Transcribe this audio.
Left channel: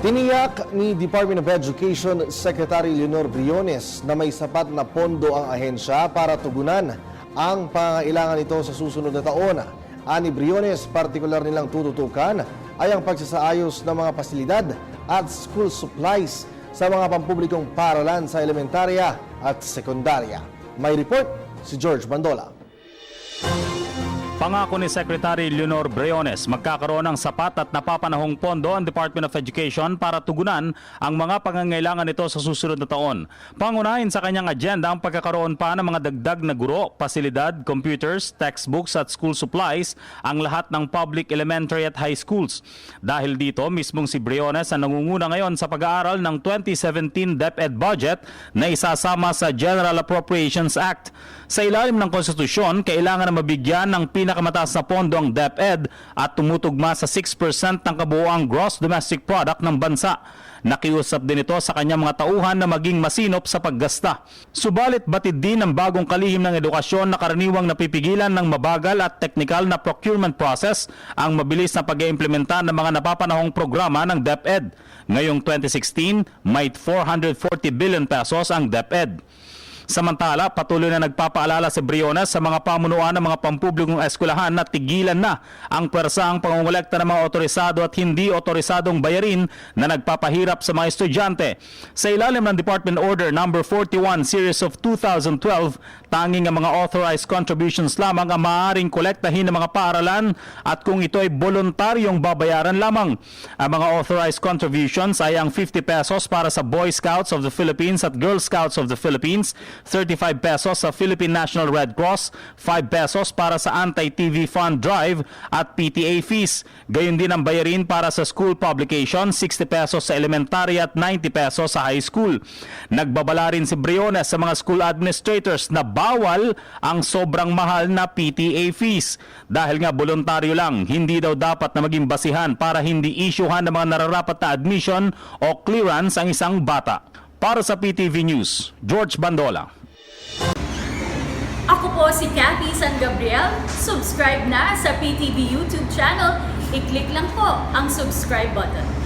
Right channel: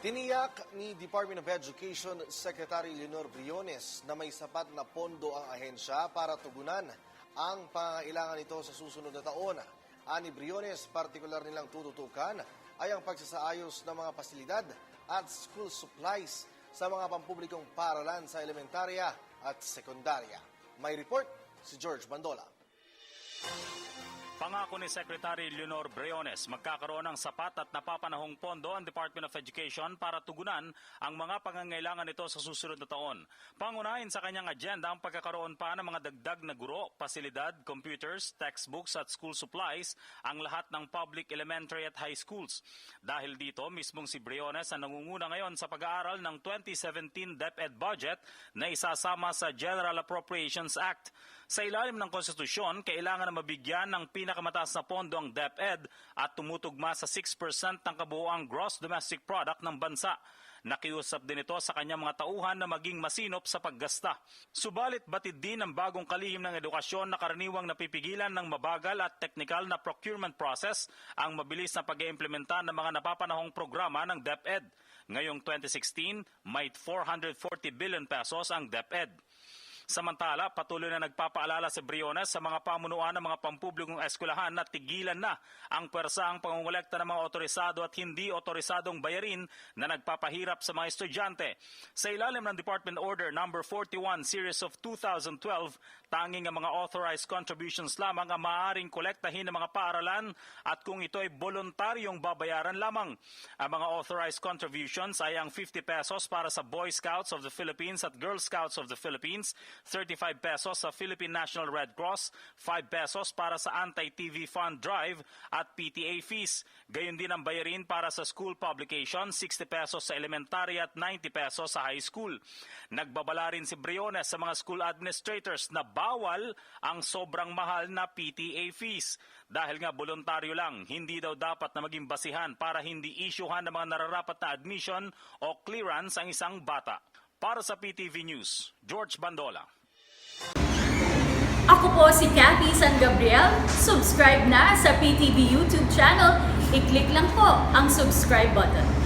Tiniyak ni Department of Education Secretary Leonor Briones na may sapat na pondo ang ahensya para tugunan ang pangangailangan nito sa susunod na taon. Ani Briones, partikular nilang tututukan ay ang pagsasaayos ng mga pasilidad at school supplies sa mga pampublikong paaralan sa elementarya at sekundarya. May report si George Bandola. Pangako ni Secretary Leonor Briones, magkakaroon ng sapat at napapanahong pondo ang Department of Education para tugunan ang mga pangangailangan nito sa susunod na taon. Pangunahin sa kanyang agenda ang pagkakaroon pa ng mga dagdag na guro, pasilidad, computers, textbooks at school supplies ang lahat ng public elementary at high schools. Dahil dito, mismong si Briones ang nangunguna ngayon sa pag-aaral ng 2017 DepEd budget na isasama sa General Appropriations Act. Sa ilalim ng konstitusyon, kailangan na mabigyan ng pinakamataas na pondo ang DepEd at tumutugma sa 6% ng kabuuang gross domestic product ng bansa. Nakiusap din ito sa kanyang mga tauhan na maging masinop sa paggasta. Subalit batid din ng bagong kalihim ng edukasyon na karaniwang napipigilan ng mabagal at teknikal na procurement process ang mabilis na pag-iimplementa ng mga napapanahong programa ng DepEd. Ngayong 2016, may 440 billion pesos ang DepEd. Samantala, patuloy na nagpapaalala si Briones sa mga pamunuan ng mga pampublikong eskwelahan na tigilan na ang pwersahang pangongolekta ng mga otorisado at hindi otorisadong bayarin na nagpapahirap sa mga estudyante. Sa ilalim ng Department Order No. 41 Series of 2012, tanging ang mga authorized contributions lamang ang maaaring kolektahin ng mga paaralan at kung ito ay voluntaryong babayaran lamang. Ang mga authorized contributions ay ang 50 pesos para sa Boy Scouts of the Philippines at Girl Scouts of the Philippines, 35 pesos sa Philippine National Red Cross, 5 pesos para sa Anti-TV Fund Drive at PTA fees. Gayon din ang bayarin para sa school publication, 60 pesos sa elementary at 90 pesos sa high school. Nagbabala rin si Briones sa mga school administrators na bawal ang sobrang mahal na PTA fees. Dahil nga voluntaryo lang, hindi daw dapat na maging basihan para hindi isyuhan ng mga nararapat na admission o clearance ang isang bata. Para sa PTV News, George Bandola. Ako po si Cathy San Gabriel. Subscribe na sa PTV YouTube channel. I-click lang po ang subscribe button.